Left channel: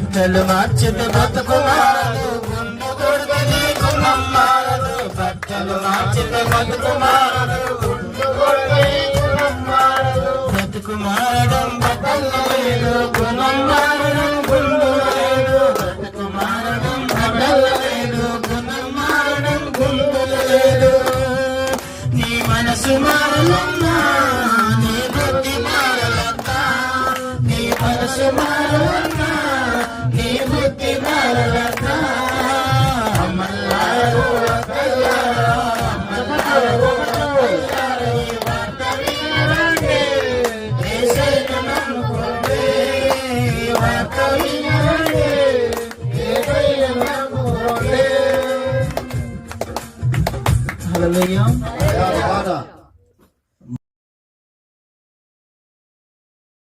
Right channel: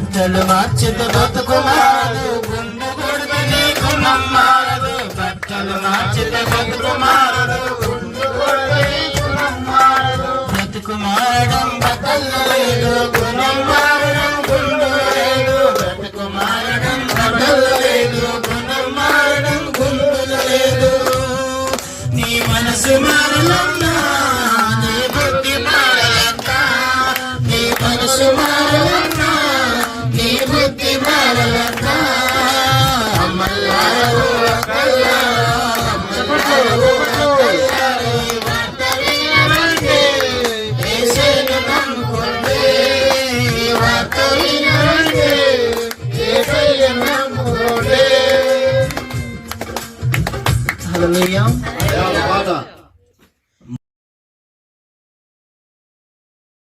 బట్టలు మార్చితే బతుకు మారదు, గుండె కొడితే నీ గుణం మారదు. బట్టలు మార్చితే బతుకు మారదు, గుండె కొడితే నీ గుణం మారదు. బతుకు మారడం బట్టలు లేదు, గుణం మారడం గుండు లేదు. బతుకు మారడం బట్టలు లేదు, గుణం మారడం గుండు లేదు. నీ మనసు మారలన్నా, నీ బుద్ధి మారలన్నా. నీ మనసు మారలన్నా, నీ బుద్ధి మారలన్నా. అమ్మల్లారు అక్కల్లారా, అమ్మల్లారు అక్కల్లారా, ఈ వార్త వినండి, యేసయ్యను నమ్ముకోండి. ఈ వార్త వినండి, యేసయ్యను నమ్ముకోండి. హల్లెలూయా.